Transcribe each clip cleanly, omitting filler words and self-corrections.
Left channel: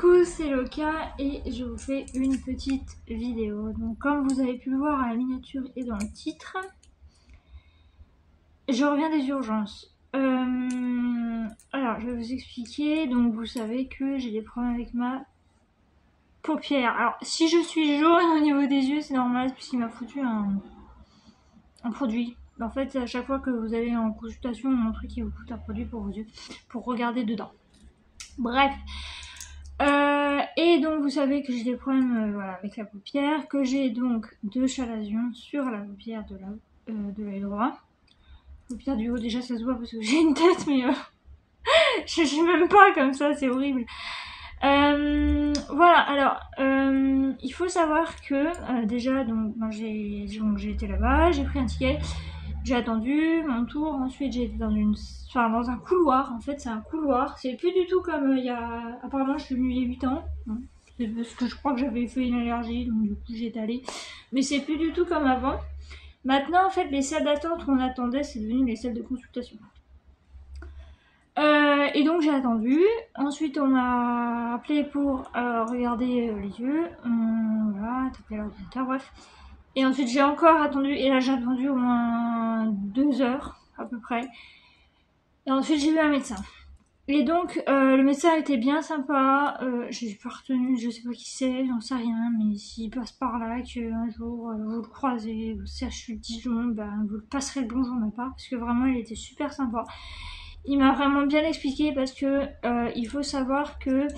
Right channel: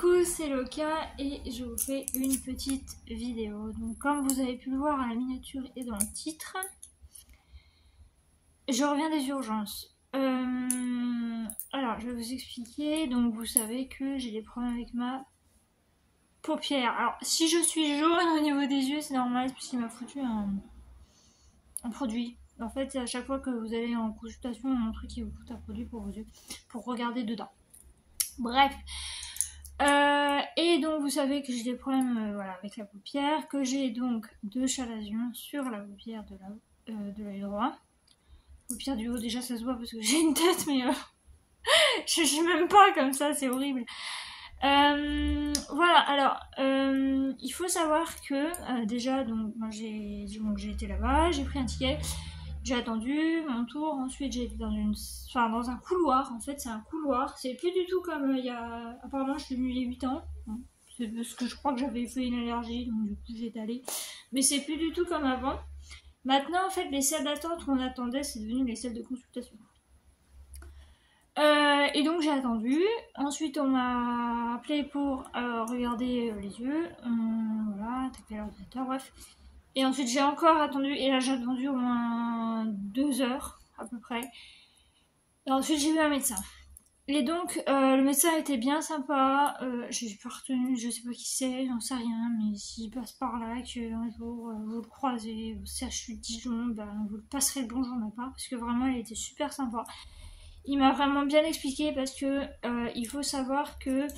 Coucou, c'est Loka et je vous fais une petite vidéo. Donc comme vous avez pu le voir à la miniature et dans le titre, je reviens des urgences. Alors je vais vous expliquer. Donc vous savez que j'ai des problèmes avec ma paupière. Alors si je suis jaune au niveau des yeux, c'est normal puisqu'il m'a foutu un produit. En fait, à chaque fois que vous allez en consultation, mon truc il vous fout un produit pour vos yeux, pour regarder dedans. Bref. Et donc vous savez que j'ai des problèmes voilà, avec la paupière, que j'ai donc 2 chalazions sur la paupière de l'œil droit. Paupière du haut, déjà ça se voit parce que j'ai une tête, mais je suis même pas comme ça, c'est horrible. Voilà, alors il faut savoir que déjà donc j'ai été là-bas, j'ai pris un ticket. J'ai attendu mon tour, ensuite j'ai été dans un couloir, en fait c'est un couloir, c'est plus du tout comme il y a, apparemment je suis venue il y a 8 ans, c'est parce que je crois que j'avais fait une allergie, donc du coup j'étais allée, mais c'est plus du tout comme avant. Maintenant en fait les salles d'attente où on attendait, c'est devenu les salles de consultation. Et donc j'ai attendu, ensuite on m'a appelé pour regarder les yeux, voilà, taper l'ordinateur, bref. Et ensuite j'ai encore attendu, et là j'ai attendu au moins 2 heures à peu près. Et ensuite j'ai vu un médecin. Et donc le médecin était bien sympa, j'ai pas retenu, je sais pas qui c'est, j'en sais rien, mais s'il passe par là, qu'un jour vous le croisez au CHU de Dijon, ben, vous le passerez le bonjour même pas, parce que vraiment il était super sympa. Il m'a vraiment bien expliqué parce que il faut savoir que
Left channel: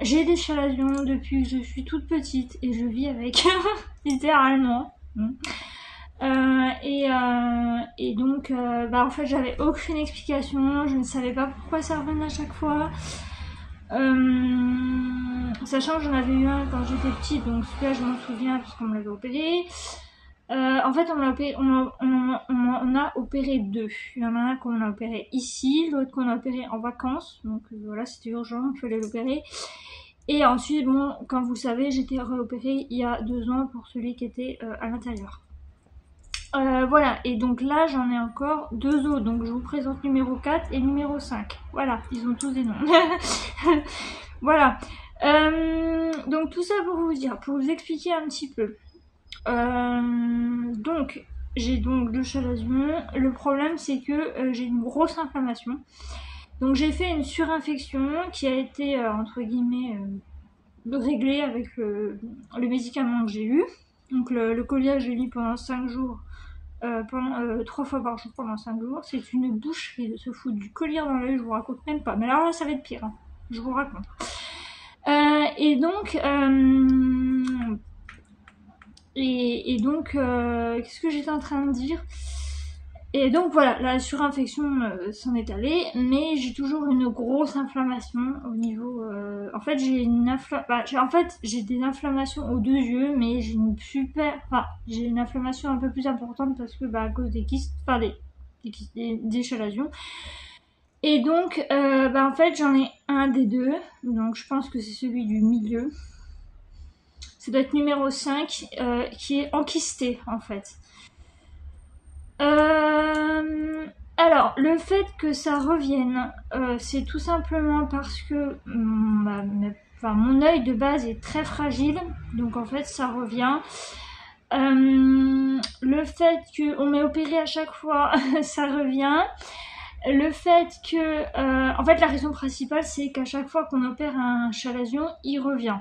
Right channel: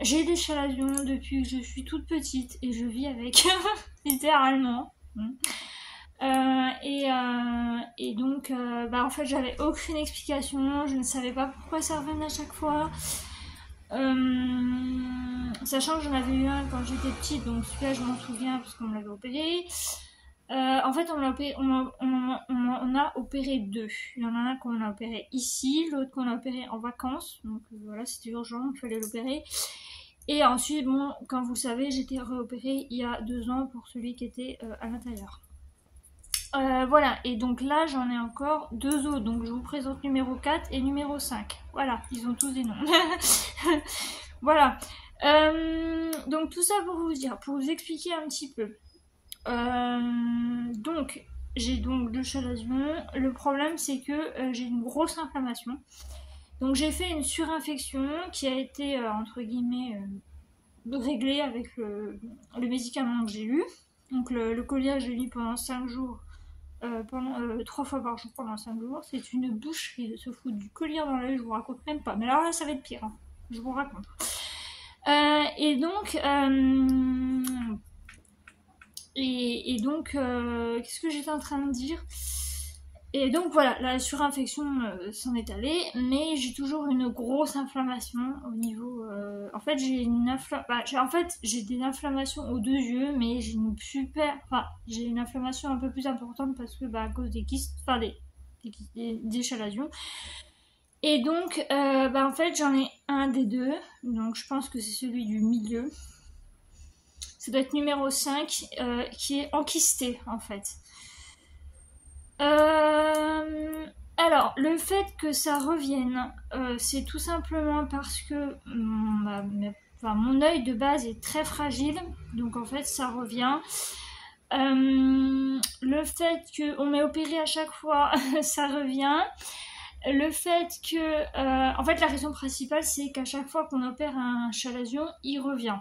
j'ai des chalazions depuis que je suis toute petite et je vis avec, littéralement. Et donc, en fait, j'avais aucune explication, je ne savais pas pourquoi ça revenait à chaque fois. Sachant que j'en avais eu un quand j'étais petite, donc celui-là je m'en souviens parce qu'on me l'avait opéré. En fait, on a opéré 2. Il y en a un qu'on a opéré ici, l'autre qu'on a opéré en vacances. Donc voilà, c'était urgent, il fallait l'opérer. Et ensuite, bon, comme vous le savez, j'ai été réopérée il y a 2 ans pour celui qui était à l'intérieur. Voilà, et donc là, j'en ai encore 2 autres. Donc je vous présente numéro 4 et numéro 5. Voilà, ils ont tous des noms. Voilà. Donc tout ça pour vous dire, pour vous expliquer un petit peu. Donc j'ai donc 2 chalazions. Le problème c'est que j'ai une grosse inflammation. Donc j'ai fait une surinfection qui a été entre guillemets réglée avec le médicament que j'ai eu. Donc le collier j'ai mis pendant 5 jours, 3 fois par jour pendant 5 jours. C'est une boucherie de se foutre du collier dans l'œil, je vous raconte même pas. Mais alors là ça va être pire, hein. Je vous raconte. Et donc, qu'est-ce que j'étais en train de dire? Et donc voilà, la surinfection s'en est allée, mais j'ai toujours une grosse inflammation au niveau... en fait, j'ai des inflammations aux 2 yeux, mais j'ai j'ai une inflammation un peu plus importante parce que à cause des kystes, des chalazions. Et donc, en fait, j'en ai un des 2, donc je pense que c'est celui du milieu. Ça doit être numéro 5, qui est enkysté en fait. Alors, le fait que ça revienne, c'est tout simplement parce que mon œil de base est très fragile, donc en fait ça revient. Le fait qu'on m'ait opéré à chaque fois, ça revient. Le fait que, en fait la raison principale c'est qu'à chaque fois qu'on opère un chalazion, il revient.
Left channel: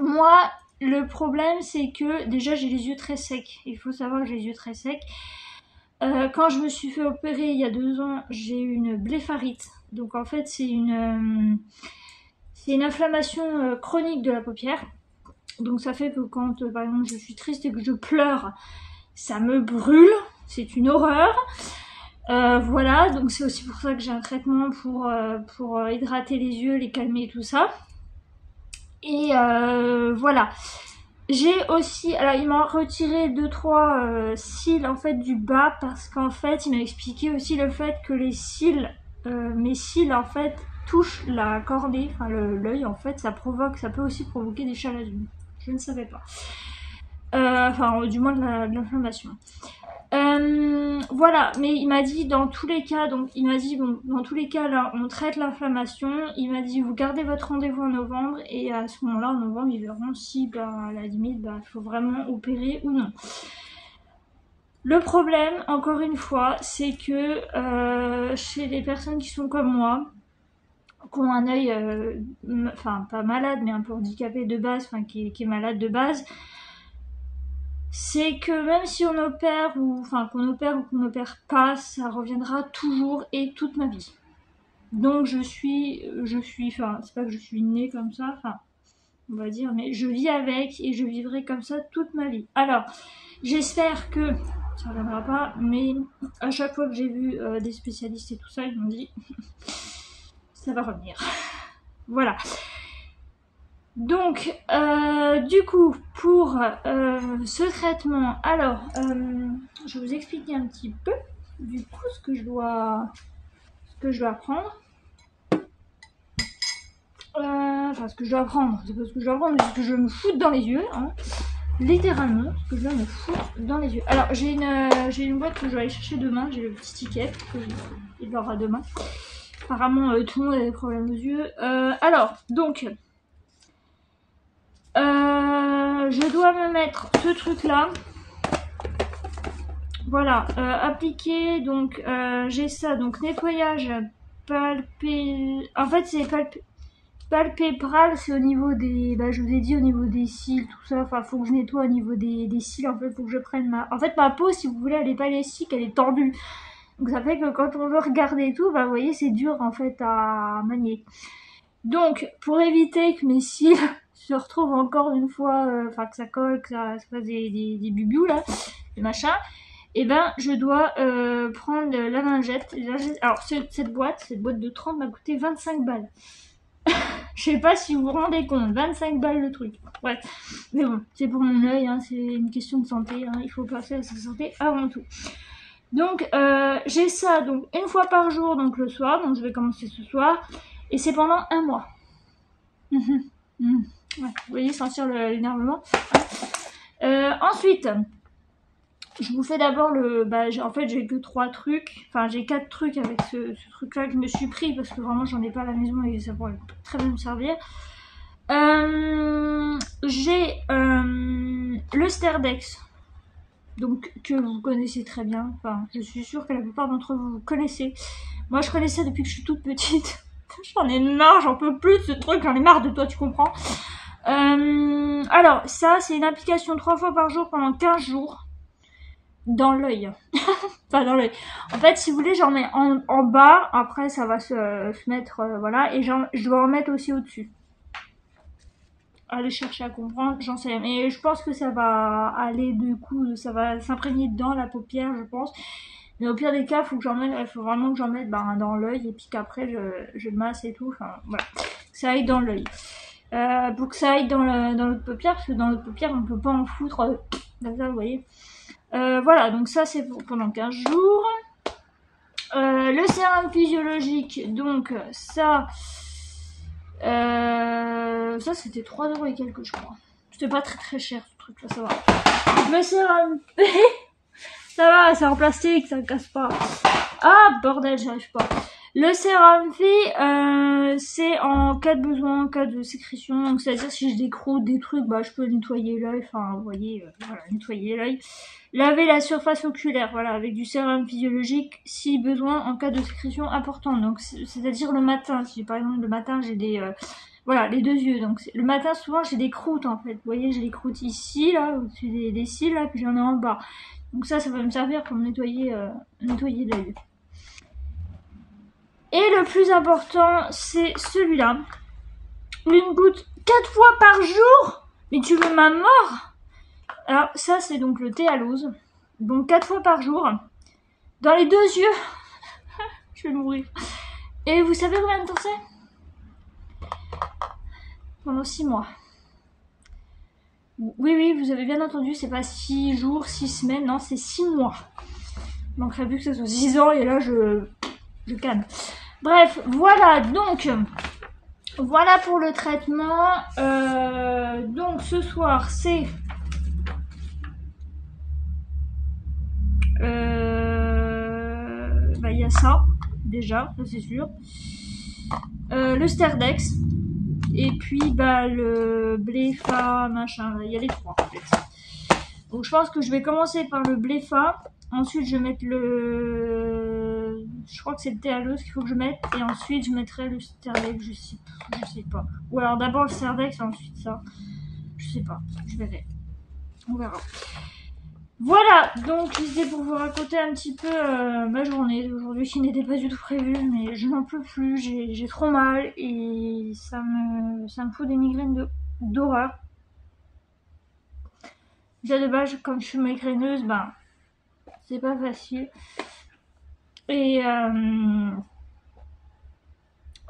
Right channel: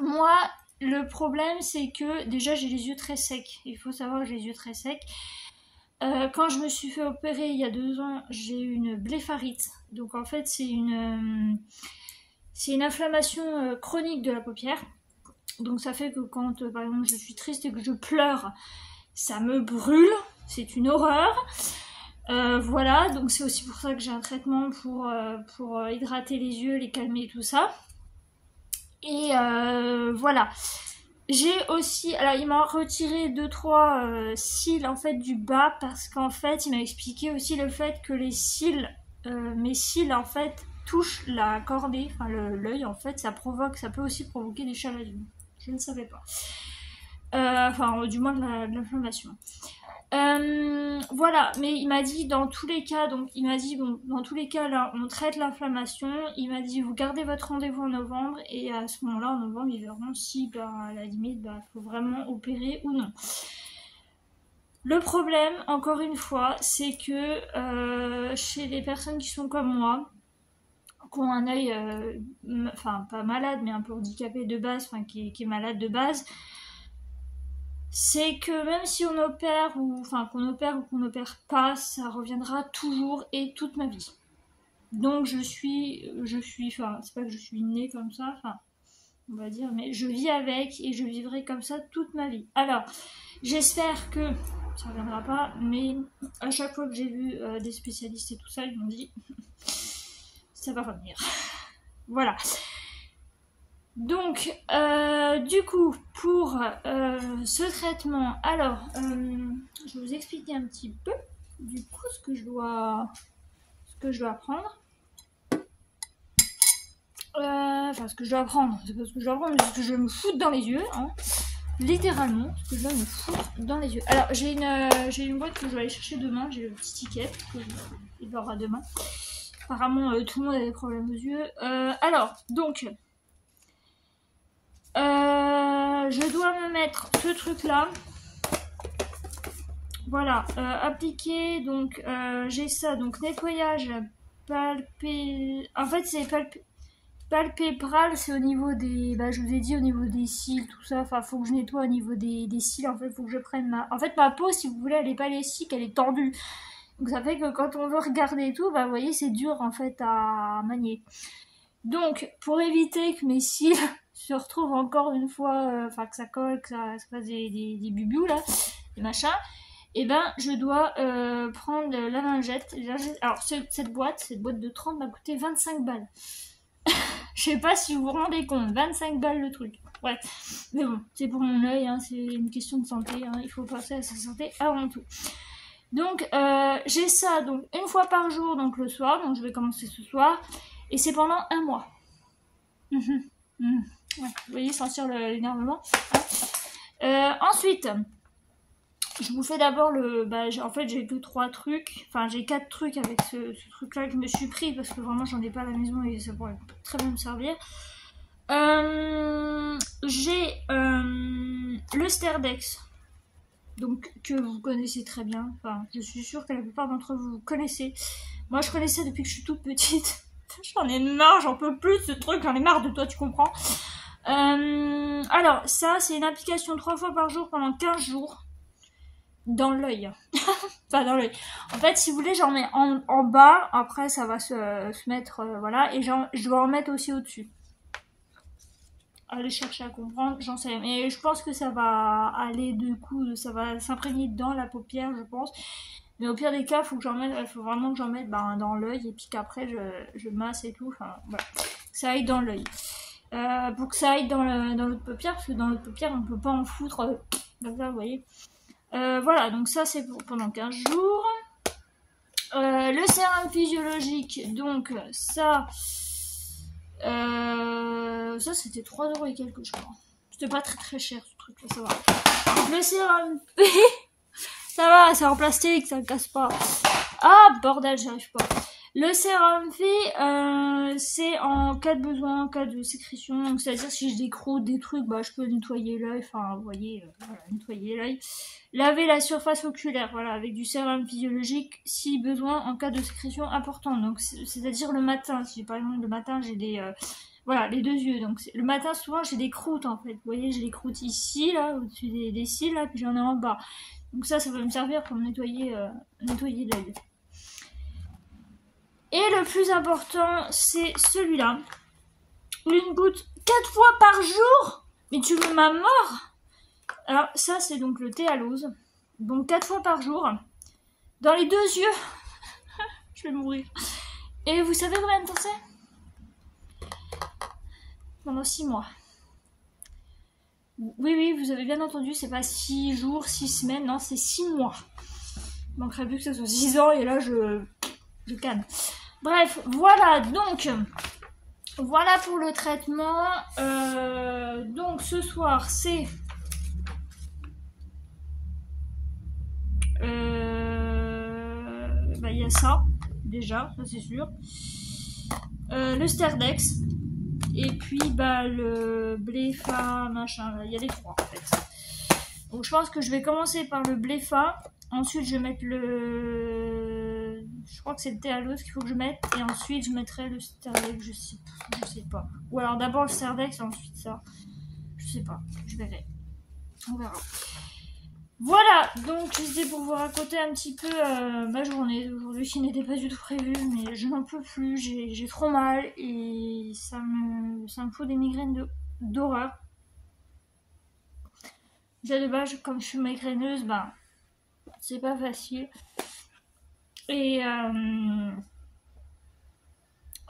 Moi, le problème, c'est que déjà j'ai les yeux très secs. Il faut savoir que j'ai les yeux très secs. Quand je me suis fait opérer il y a 2 ans, j'ai eu une blépharite. Donc en fait, c'est une inflammation chronique de la paupière. Donc ça fait que quand, par exemple, je suis triste et que je pleure, ça me brûle. C'est une horreur. Voilà, donc c'est aussi pour ça que j'ai un traitement pour hydrater les yeux, les calmer et tout ça. Et voilà. J'ai aussi, alors il m'a retiré 2-3 cils en fait du bas parce qu'en fait il m'a expliqué aussi le fait que les cils, mes cils en fait touchent la cordée, enfin l'œil en fait, ça peut aussi provoquer des chalazions. Je ne savais pas. Du moins de l'inflammation. Voilà, mais il m'a dit dans tous les cas, donc il m'a dit bon, dans tous les cas là, on traite l'inflammation. Il m'a dit vous gardez votre rendez-vous en novembre et à ce moment-là, en novembre, ils verront si, bah, à la limite, bah, il faut vraiment opérer ou non. Le problème, encore une fois, c'est que chez les personnes qui sont comme moi, qui ont un œil, enfin pas malade, mais un peu handicapé de base, enfin qui est malade de base, c'est que même si on opère ou enfin qu'on opère ou qu'on n'opère pas, ça reviendra toujours et toute ma vie. Donc je suis, enfin c'est pas que je suis née comme ça, enfin on va dire, mais je vis avec et je vivrai comme ça toute ma vie. Alors j'espère que ça reviendra pas, mais à chaque fois que j'ai vu des spécialistes et tout ça, ils m'ont dit ça va revenir. Voilà. Donc, du coup, pour ce traitement, alors, je vais vous expliquer un petit peu, du coup, ce que je dois prendre. Enfin, ce que je dois prendre, c'est pas ce que je dois prendre, mais ce que je me foutre dans les yeux, hein. Littéralement, ce que je dois me foutre dans les yeux. Alors, j'ai une boîte que je vais aller chercher demain, j'ai le petit ticket, il l'aura demain. Apparemment, tout le monde a des problèmes aux yeux. Alors, donc... je dois me mettre ce truc là, voilà, appliquer, donc j'ai ça, donc nettoyage en fait c'est palpébral, c'est au niveau des, bah je vous ai dit au niveau des cils, tout ça, enfin faut que je nettoie au niveau des cils, en fait faut que je prenne en fait ma peau, si vous voulez, elle est pas élastique, elle est tendue, donc ça fait que quand on veut regarder et tout, bah vous voyez c'est dur en fait à manier. Donc pour éviter que mes cils se retrouve encore une fois, enfin que ça colle, que ça fasse des bubious là, des machins, et ben je dois prendre la lingette. Alors cette boîte de 30 m'a coûté 25 balles. Je sais pas si vous vous rendez compte, 25 balles le truc. Bref, mais bon, c'est pour mon œil, hein, c'est une question de santé, hein, il faut passer à sa santé avant tout. Donc j'ai ça donc une fois par jour, donc le soir, donc je vais commencer ce soir, et c'est pendant un mois. Ouais, vous voyez sentir l'énervement. Ensuite, je vous fais d'abord le... Bah, en fait, j'ai que 3 trucs. Enfin, j'ai 4 trucs avec ce truc-là que je me suis pris parce que vraiment, j'en ai pas à la maison et ça pourrait très bien me servir. J'ai le Sterdex, donc que vous connaissez très bien. Enfin, je suis sûre que la plupart d'entre vous connaissez. Moi, je connaissais depuis que je suis toute petite. J'en ai marre, j'en peux plus de ce truc, j'en ai marre de toi, tu comprends. Alors, ça, c'est une application 3 fois par jour pendant 15 jours. Dans l'œil. Enfin, dans l'œil. En fait, si vous voulez, j'en mets en bas. Après, ça va se mettre... voilà. Et je dois en mettre aussi au-dessus. Allez chercher à comprendre, j'en sais rien. Mais je pense que ça va aller du coup, ça va s'imprégner dans la paupière, je pense. Mais au pire des cas, il faut vraiment que j'en mette dans l'œil. Et puis qu'après, je masse et tout. Enfin, voilà. Que ça aille dans l'œil. Pour que ça aille dans l'autre paupière, parce que dans l'autre paupière, on ne peut pas en foutre comme ça, vous voyez. Voilà, donc ça c'est pendant 15 jours. Le sérum physiologique, donc ça c'était 3 € et quelques, je crois. C'était pas très cher ce truc là, ça va. Le sérum ça va, c'est en plastique, ça ne casse pas. Ah bordel, j'y arrive pas. Le sérum c'est en cas de besoin, en cas de sécrétion, donc c'est-à-dire si je décroute des trucs, bah je peux nettoyer l'œil, enfin vous voyez, voilà, nettoyer l'œil. Laver la surface oculaire, voilà, avec du sérum physiologique si besoin en cas de sécrétion importante. Donc c'est-à-dire le matin, si par exemple le matin j'ai des voilà, les 2 yeux. Donc le matin souvent j'ai des croûtes en fait. Vous voyez, j'ai des croûtes ici là, au-dessus des cils là, puis j'en ai en bas. Donc ça va me servir pour nettoyer l'œil. Et le plus important, c'est celui-là. Une goutte 4 fois par jour. Mais tu veux ma mort? Alors ça c'est donc le thé à l'ose. Donc 4 fois par jour. Dans les 2 yeux. Je vais mourir. Et vous savez combien de temps c'est? Pendant 6 mois. Oui, vous avez bien entendu, c'est pas 6 jours, 6 semaines, non, c'est 6 mois. Il manquerait plus que ça soit 6 ans et là je canne. Bref, voilà, donc voilà pour le traitement. Donc ce soir c'est ça, déjà, ça c'est sûr. Le Sterdex. Et puis bah le Bléfa, machin, il y a les trois en fait. Donc je pense que je vais commencer par le Bléfa. Ensuite je vais mettre le... Je crois que c'est le Théalos qu'il faut que je mette. Et ensuite je mettrai le Sterdex, je sais pas. Ou alors d'abord le Sterdex et ensuite ça. Je sais pas, je verrai. On verra. Voilà, donc c'était pour vous raconter un petit peu ma journée d'aujourd'hui qui n'était pas du tout prévue, mais je n'en peux plus, j'ai trop mal et ça me fout des migraines d'horreur. Déjà de base, comme je suis migraineuse, ben c'est pas facile. Et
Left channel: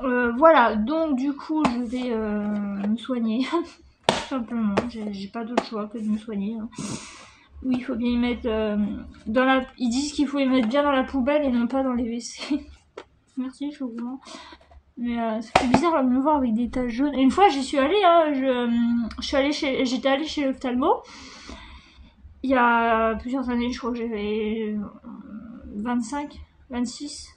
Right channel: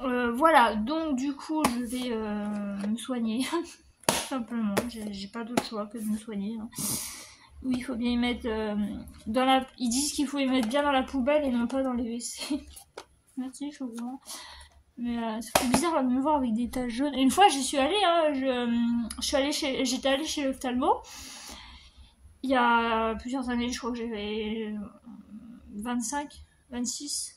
voilà, donc du coup je vais me soigner, tout simplement, j'ai pas d'autre choix que de me soigner. Hein. Oui, il faut bien y mettre dans la... Ils disent qu'il faut y mettre bien dans la poubelle et non pas dans les WC. Merci, je suis au courant. Mais ça fait bizarre de me voir avec des taches jaunes. Et une fois, j'y suis allée, hein, j'étais allée chez l'ophtalmo. Il y a plusieurs années, je crois que j'avais 25, 26.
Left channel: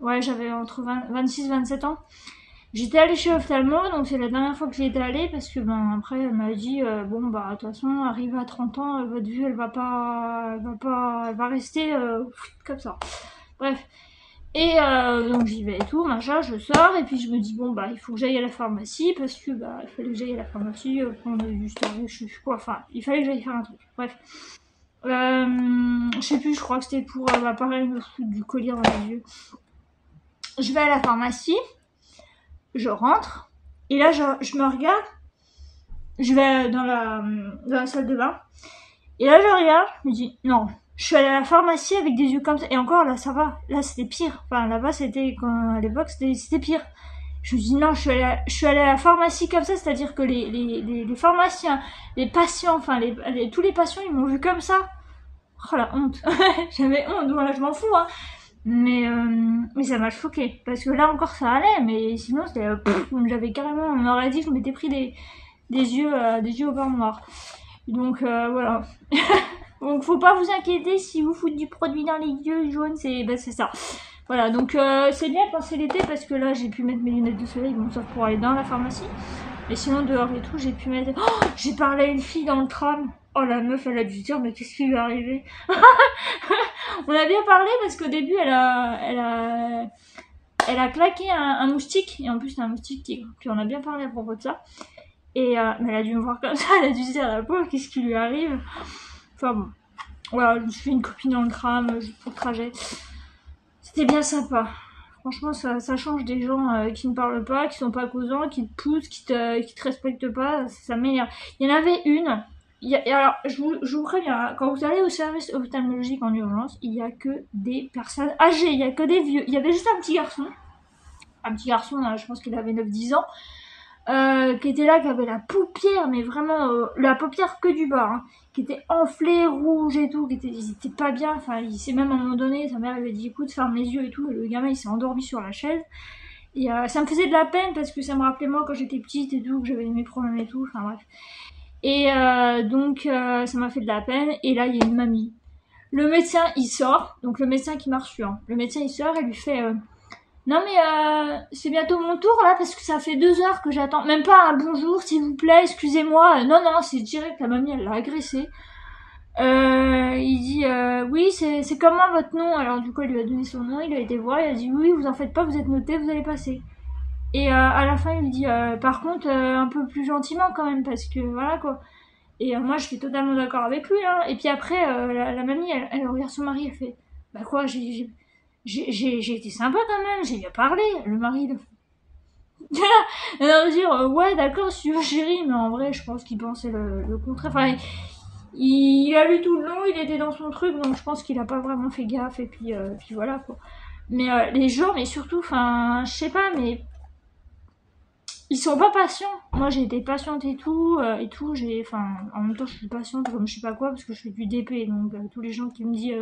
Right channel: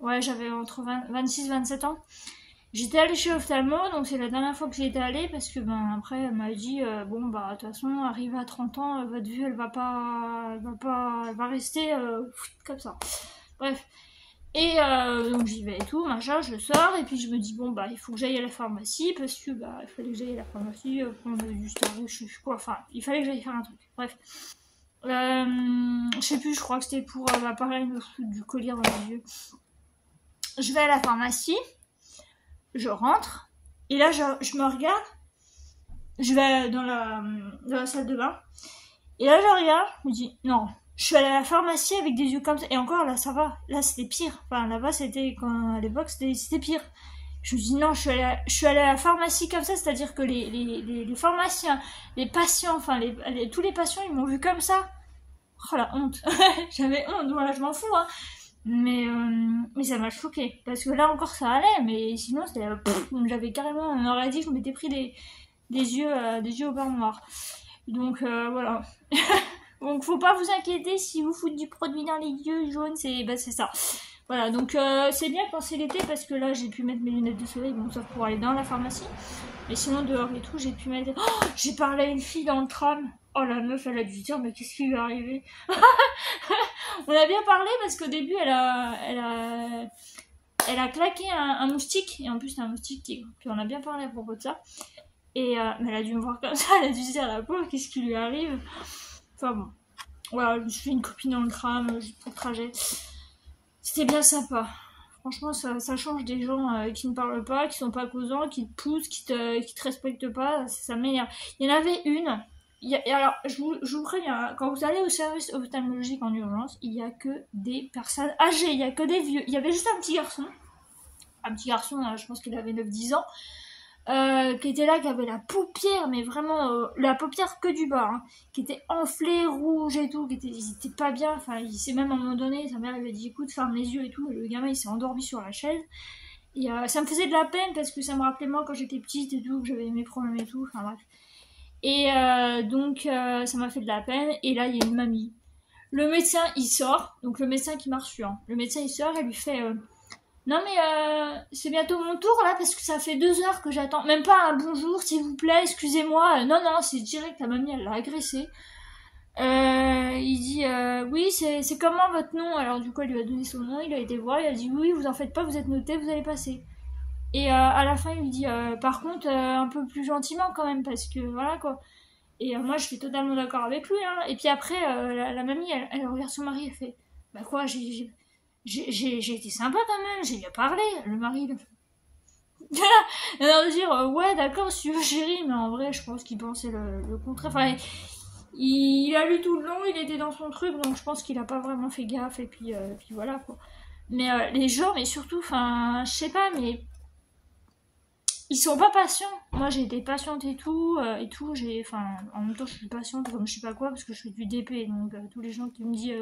Ouais, j'avais entre 26 et 27 ans. J'étais allée chez l'ophtalmo, donc c'est la dernière fois que j'y étais allée parce que ben après elle m'a dit bon bah de toute façon arrivé à 30 ans votre vue elle va rester comme ça. Bref. Et donc j'y vais et tout, machin, je sors et puis je me dis bon bah il faut que j'aille à la pharmacie parce que bah il fallait que j'aille à la pharmacie prendre du Sterdex, je sais quoi, enfin il fallait que j'aille faire un truc. Bref. Je sais plus, je crois que c'était pour pareil me foutre du collier dans les yeux. Je vais à la pharmacie. Je rentre, et là je me regarde, je vais dans la salle de bain, et là je regarde, je me dis, non, je suis allée à la pharmacie avec des yeux comme ça, et encore là ça va, là c'était pire, enfin là-bas c'était, à l'époque c'était pire. Je me dis, non, je suis allée à la pharmacie comme ça, c'est-à-dire que les pharmaciens, les patients, enfin tous les patients ils m'ont vu comme ça. Oh la honte, j'avais honte, voilà, je m'en fous, hein. Mais ça m'a choqué parce que là encore ça allait, mais sinon c'était j'avais carrément, on aurait dit que je m'étais pris des yeux au beurre noir. Donc voilà. Donc faut pas vous inquiéter si vous foutez du produit dans les yeux jaunes, c'est ça. Voilà, donc c'est bien quand c'est l'été parce que là j'ai pu mettre mes lunettes de soleil, bon sauf pour aller dans la pharmacie. Mais sinon dehors et tout j'ai pu mettre... Oh, j'ai parlé à une fille dans le tram. Oh la meuf elle a dû se dire mais qu'est-ce qui lui est arrivé. On a bien parlé parce qu'au début elle a claqué un moustique. Et en plus c'est un moustique tigre. Puis on a bien parlé à propos de ça. Et mais elle a dû me voir comme ça, elle a dû se dire la pauvre qu'est-ce qui lui arrive. Enfin bon. Voilà, je me suis fait une copine dans le tram juste pour le trajet. C'était bien sympa. Franchement, ça change des gens qui ne parlent pas, qui sont pas causants, qui te poussent, qui te respectent pas. Ça m'énerve. Il y en avait une. Alors, je vous préviens, quand vous allez au service ophtalmologique en urgence, il n'y a que des personnes âgées, il n'y a que des vieux. Il y avait juste un petit garçon, je pense qu'il avait 9-10 ans, qui était là, qui avait la paupière, mais vraiment la paupière que du bas, hein, qui était enflée, rouge et tout, il était pas bien, enfin il s'est même à un moment donné, sa mère lui a dit écoute ferme les yeux et tout, et le gamin il s'est endormi sur la chaise, et ça me faisait de la peine parce que ça me rappelait moi quand j'étais petite et tout, que j'avais mes problèmes et tout, enfin bref. Et donc ça m'a fait de la peine, et là il y a une mamie. Le médecin il sort, donc le médecin qui m'a reçu, hein. Le médecin il sort et lui fait non mais c'est bientôt mon tour là parce que ça fait 2 heures que j'attends. Même pas un bonjour s'il vous plaît, excusez-moi. Non, c'est direct, la mamie elle l'a agressé. Il dit oui c'est comment votre nom. Alors du coup elle lui a donné son nom, il a été voir, il a dit oui vous en faites pas, vous êtes noté, vous allez passer. Et à la fin il lui dit par contre un peu plus gentiment quand même parce que voilà quoi. Et moi je suis totalement d'accord avec lui, hein. Et puis après la mamie elle regarde son mari, elle fait bah quoi j'ai été sympa quand même, j'ai bien parlé. Le mari le elle va dire ouais d'accord si tu veux chérie, mais en vrai je pense qu'il pensait le contraire. Enfin il a lu tout le long, il était dans son truc, donc je pense qu'il a pas vraiment fait gaffe et puis voilà quoi. Mais les gens, mais surtout, enfin je sais pas, mais ils sont pas patients. Moi j'ai été patiente et tout, en même temps je suis patiente comme je sais pas quoi parce que je fais du DP, donc tous les gens qui me disent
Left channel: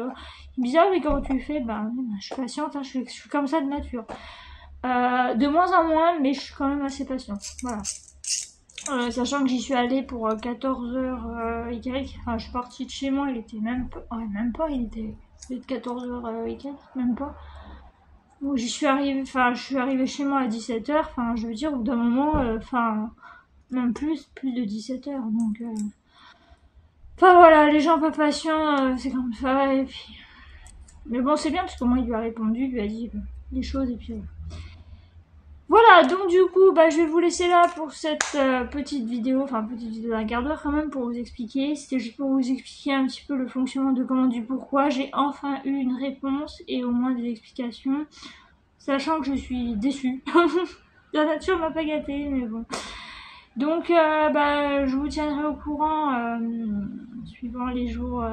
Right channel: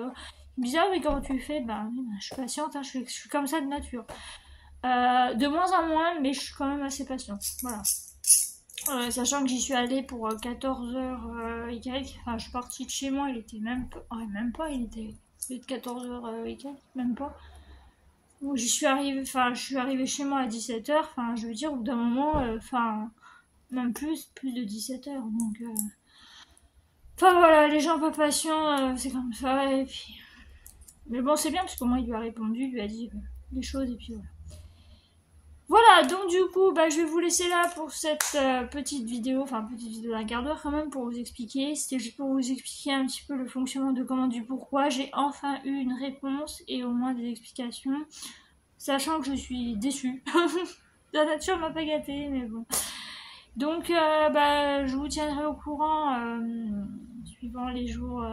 ah mais comment tu fais, bah je suis patiente, hein, je suis comme ça de nature. De moins en moins, mais je suis quand même assez patiente. Voilà. Sachant que j'y suis allée pour 14h et quelques, enfin je suis partie de chez moi, il était même pas, il était Ça fait 14h week-end, même pas. Donc je suis arrivée chez moi à 17h, enfin je veux dire au bout d'un moment, enfin même plus de 17h. Donc enfin voilà, les gens pas patients, c'est comme ça, et puis. Mais bon c'est bien parce qu'au moins il lui a répondu, il lui a dit les choses et puis voilà, donc du coup, bah, je vais vous laisser là pour cette petite vidéo, enfin petite vidéo d'un quart d'heure quand même pour vous expliquer. C'était juste pour vous expliquer un petit peu le fonctionnement de comment du pourquoi. J'ai enfin eu une réponse et au moins des explications, sachant que je suis déçue. La nature m'a pas gâtée, mais bon. Donc, bah, je vous tiendrai au courant suivant les jours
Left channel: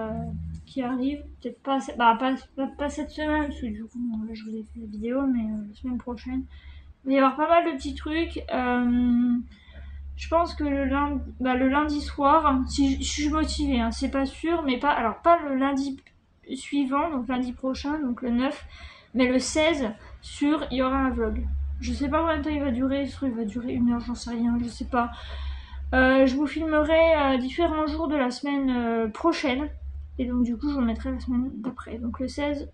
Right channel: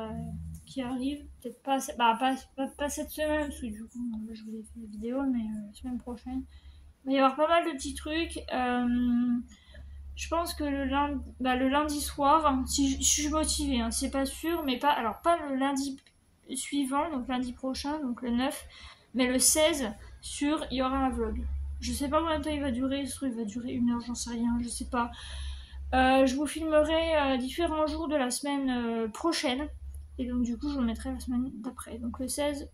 qui arrivent. Peut-être pas, pas cette semaine, parce que du coup, je vous ai fait la vidéo, mais la semaine prochaine. Il va y avoir pas mal de petits trucs. Je pense que le lundi soir, si je suis motivée, hein, c'est pas sûr, mais pas le lundi suivant, donc lundi prochain, donc le 9, mais le 16, il y aura un vlog. Je sais pas combien de temps il va durer, ce truc va durer 1 heure, j'en sais rien, je sais pas. Je vous filmerai différents jours de la semaine prochaine, et donc du coup je vous mettrai la semaine d'après, donc le 16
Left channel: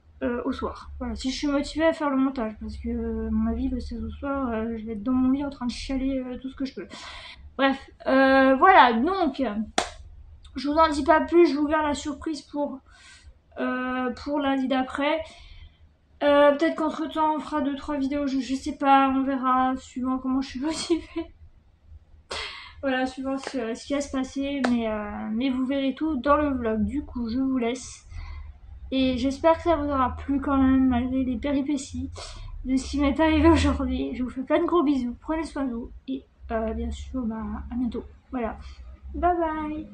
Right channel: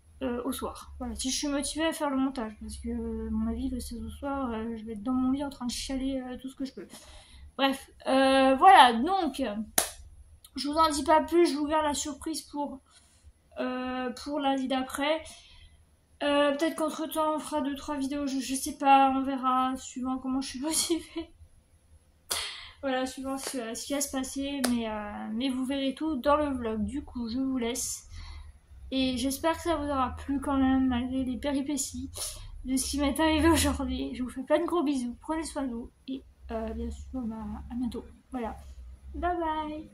au soir. Voilà, si je suis motivée à faire le montage, parce que à mon avis le 16 au soir, je vais être dans mon lit en train de chialer tout ce que je peux. Bref, voilà, donc je vous en dis pas plus, je vous garde la surprise pour lundi d'après. Peut-être qu'entre temps on fera 2-3 vidéos, je sais pas, on verra, suivant comment je suis motivée. Voilà, suivant ce qui va se passer, mais vous verrez tout dans le vlog. Du coup, je vous laisse. Et j'espère que ça vous aura plu quand même, malgré les péripéties de ce qui m'est arrivé aujourd'hui. Je vous fais plein de gros bisous, prenez soin de vous. Et bien sûr, bah, à bientôt. Voilà. Bye bye.